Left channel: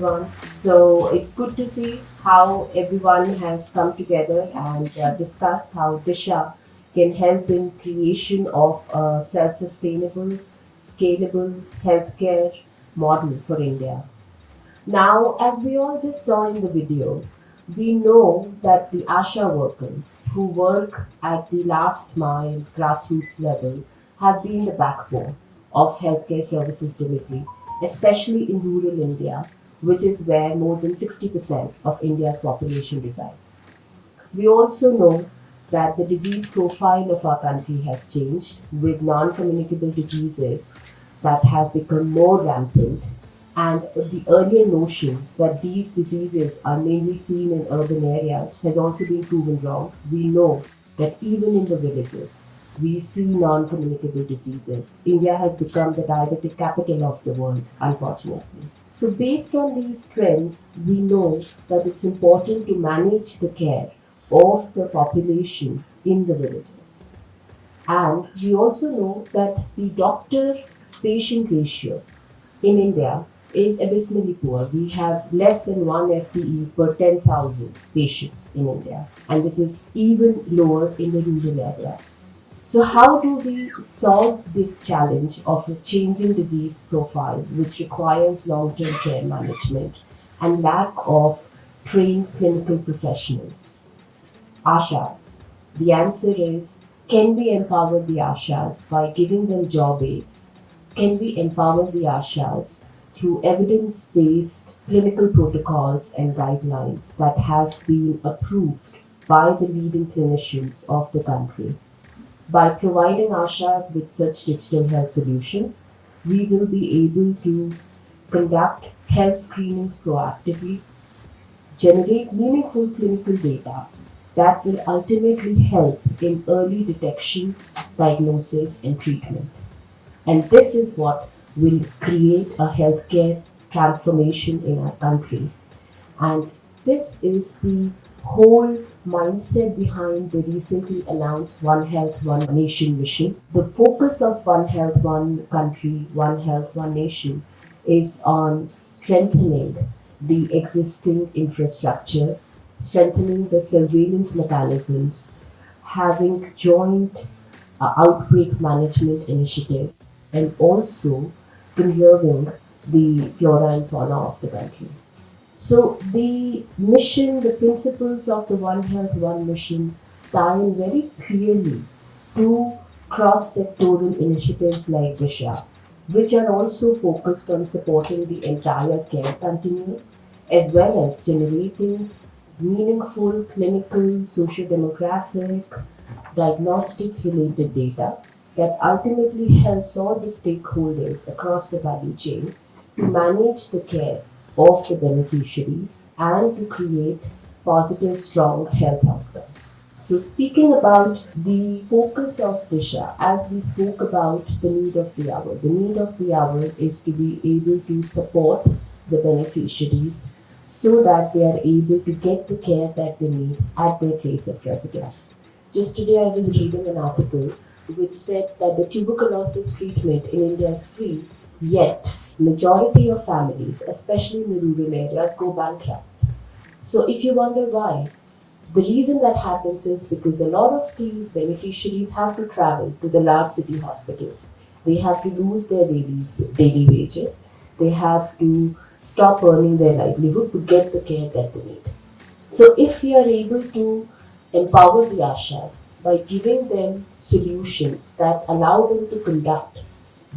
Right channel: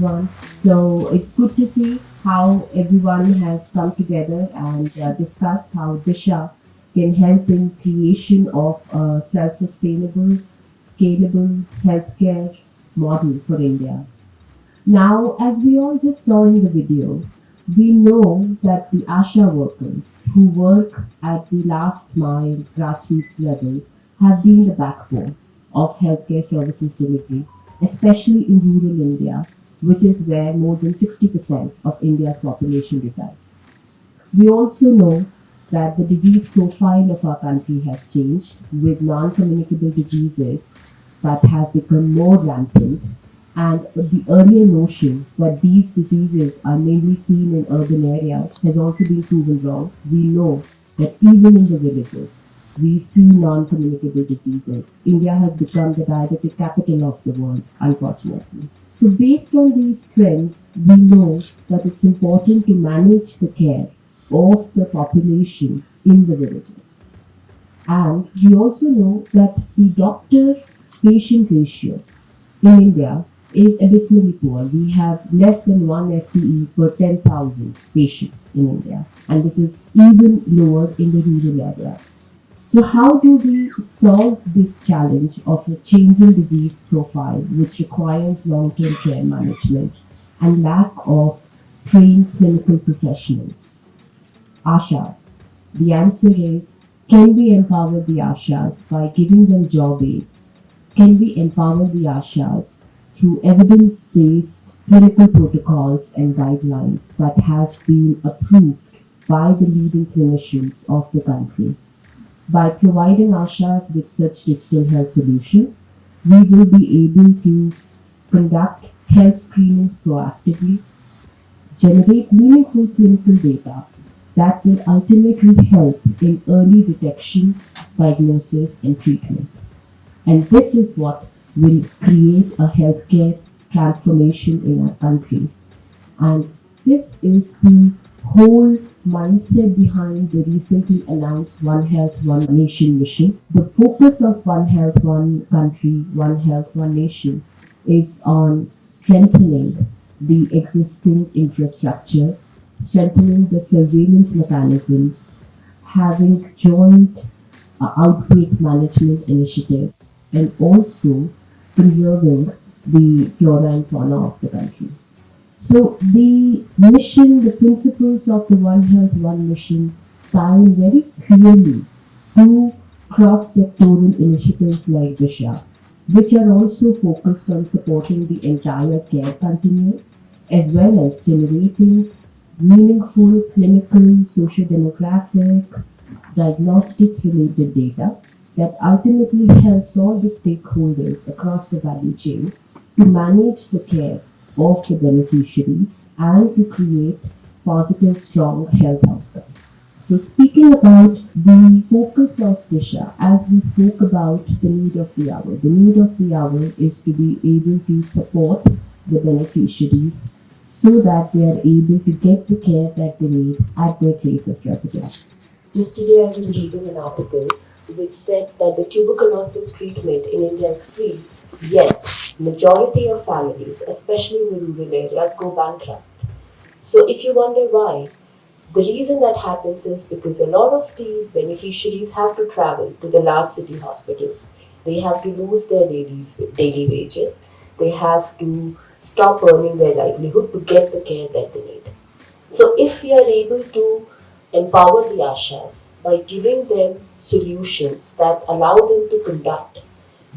everyone. So it's good to see how everyone has come together and discuss how DISHA can help in creation of a self-sustainable, scalable healthcare model for India. Now, as we all just saw in the video, we know that the ASHA workers who work at the last mile grassroots level have been the backbone of healthcare services delivery, especially in rural India, which is where more than 60% of India's population resides. We also know that the disease profile of our country has changed, with non communicable diseases that have become more rampant, and the earlier notion that these diseases are mainly seen in urban areas has also been proven wrong. We know that even in the villages, we see non communicable diseases. India has become the diabetic capital of the world, unfortunately. So, based on these trends, we know that it's important to manage the care of the population in the villages. And we also know that the doctor patient ratio in India is abysmally poor. We have less than 1 FTE per 10,000 patients in India, and this is even lower in the rural areas. So, how do we solve this challenge of a changing disease profile, which requires long term care management and lack of trained clinical professionals? Ashas. The answer is, can we empower the Ashas by giving them job aids? Can we empower the Ashas through evidence based clinical protocols and guidelines that have been approved by the leading clinicians of the country? By providing Ashas with such digital health solutions, we will be able to conduct health screenings proactively, generate meaningful clinical data that will ultimately help in early detection, diagnosis, and treatment. And this is what will create a healthcare transformation in our country. And this is the whole mindset behind the recently announced One Health, One Nation mission. The focus of One Health, One Country, One Health, One Nation is on strengthening the existing infrastructure, strengthening the surveillance mechanisms, having joint outbreak management initiative, and also conserving the flora and fauna of the country. So the mission, the principles of the One Health, One Mission tie in very clearly to cross-sectoral initiatives like DISHA, which are also focused on supporting the entire care continuum, as well as generating meaningful clinical, socio-demographic, diagnostics related data that ultimately helps all the stakeholders across the value chain to manage the care of the beneficiaries and to create positive, strong health outcomes. So, speaking about the focus of DISHA, as we spoke about the need of the hour is to be able to support the beneficiaries so that they are able to get the care that they need at their place of residence. Just today, I was reading an article which said that the tuberculosis treatment in India is free, yet majority of families, especially in the rural areas, go bankrupt. So if you wonder why, the reason that happens is because a lot of these beneficiaries have to travel to the large city hospitals. They have to lose their daily wages. They have to stop earning their livelihood to get the care that they need. So if we are able to empower the Ashas by giving them solutions that allow them to conduct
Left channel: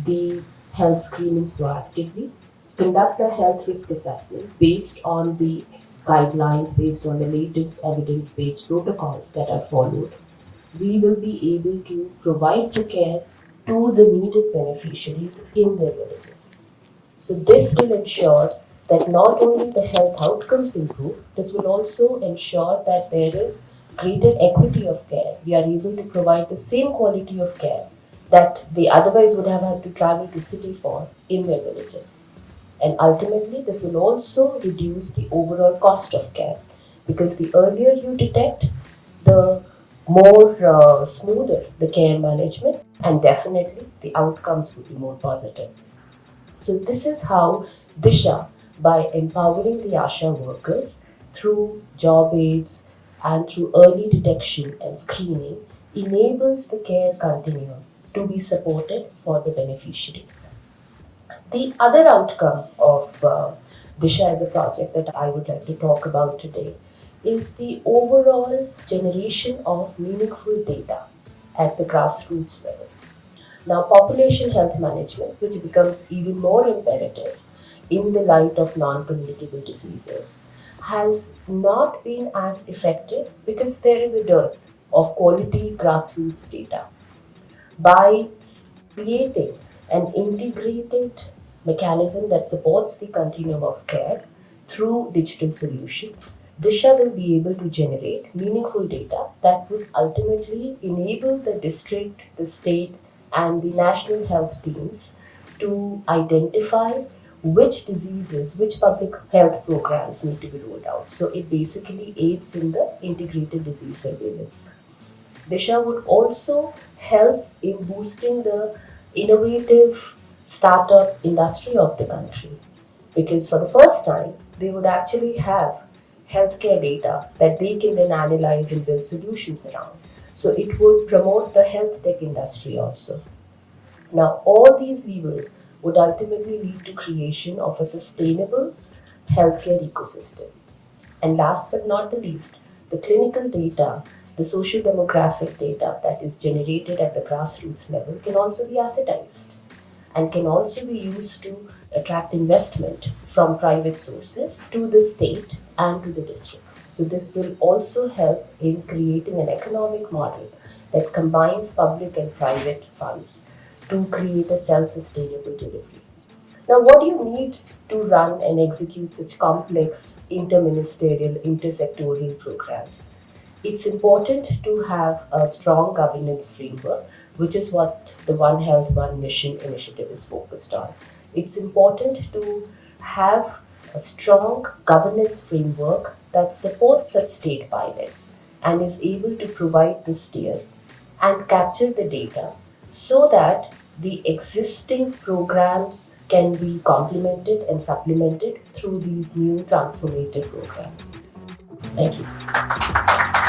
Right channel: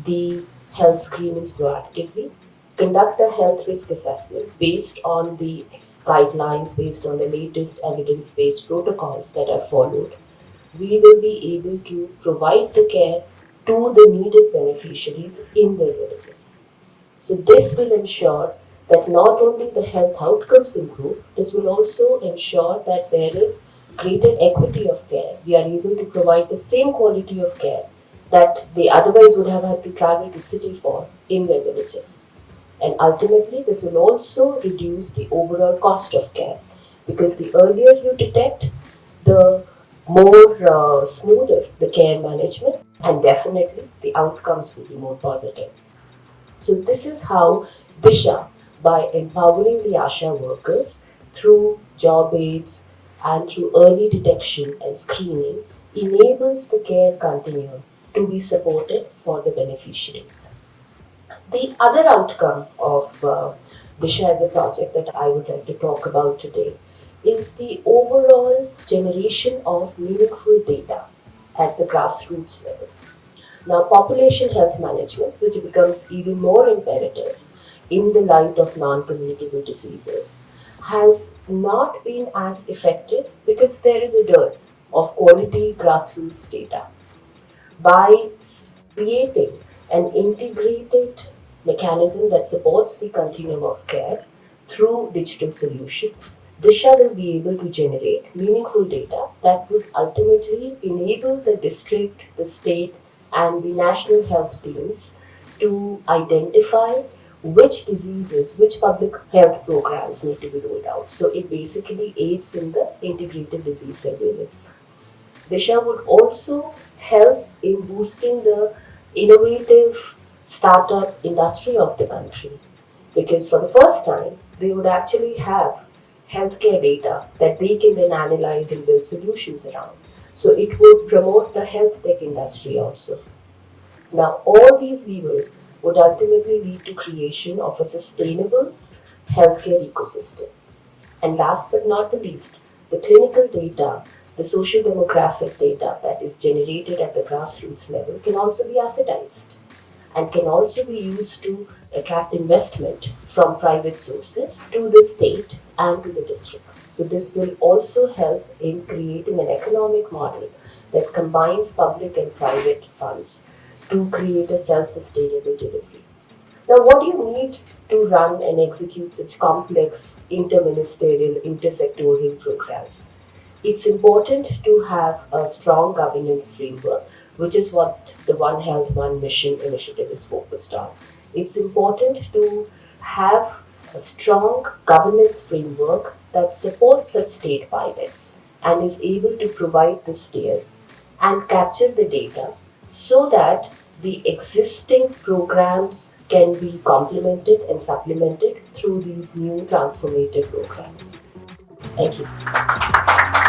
the health screenings proactively, conduct a health risk assessment based on the guidelines, based on the latest evidence based protocols that are followed, we will be able to provide the care to the needed beneficiaries in their villages. So, this will ensure that not only the health outcomes improve, this will also ensure that there is greater equity of care. We are able to provide the same quality of care that they otherwise would have had to travel to city for in their villages. And ultimately, this will also reduce the overall cost of care, because the earlier you detect, the more smoother the care management, and definitely the outcomes will be more positive. So this is how DISHA by empowering the Asha workers through job aids and through early detection and screening enables the care continuum to be supported for the beneficiaries. The other outcome of DISHA as a project that I would like to talk about today is the overall generation of meaningful data at the grassroots level. Now, population health management, which becomes even more imperative in the light of non communicable diseases, has not been as effective because there is a dearth of quality grassroots data. By creating an integrated mechanism that supports the continuum of care through digital solutions, Disha will be able to generate meaningful data that would ultimately enable the district, the state, and the national health teams to identify which diseases, which public health programs need to be rolled out. So it basically aids in the integrated disease surveillance. Disha would also help in boosting the innovative startup industry of the country because for the first time they would actually have healthcare data that they can then analyze and build solutions around. So it would promote the health tech industry also. Now all these levers would ultimately lead to creation of a sustainable healthcare ecosystem. And last but not the least, the clinical data, the social demographic data that is generated at the grassroots level can also be assetized and can also be used to attract investment from private sources to the state and to the districts. So this will also help in creating an economic model that combines public and private funds to create a self-sustainable delivery. Now, what do you need to run and execute such complex interministerial, intersectoral programs? It's important to have a strong governance framework, which is what the One Health, One Mission initiative is focused on. It's important to have a strong governance framework that supports such state pilots and is able to provide the steer and capture the data so that the existing programs can be complemented and supplemented through these new transformative programs. Thank you.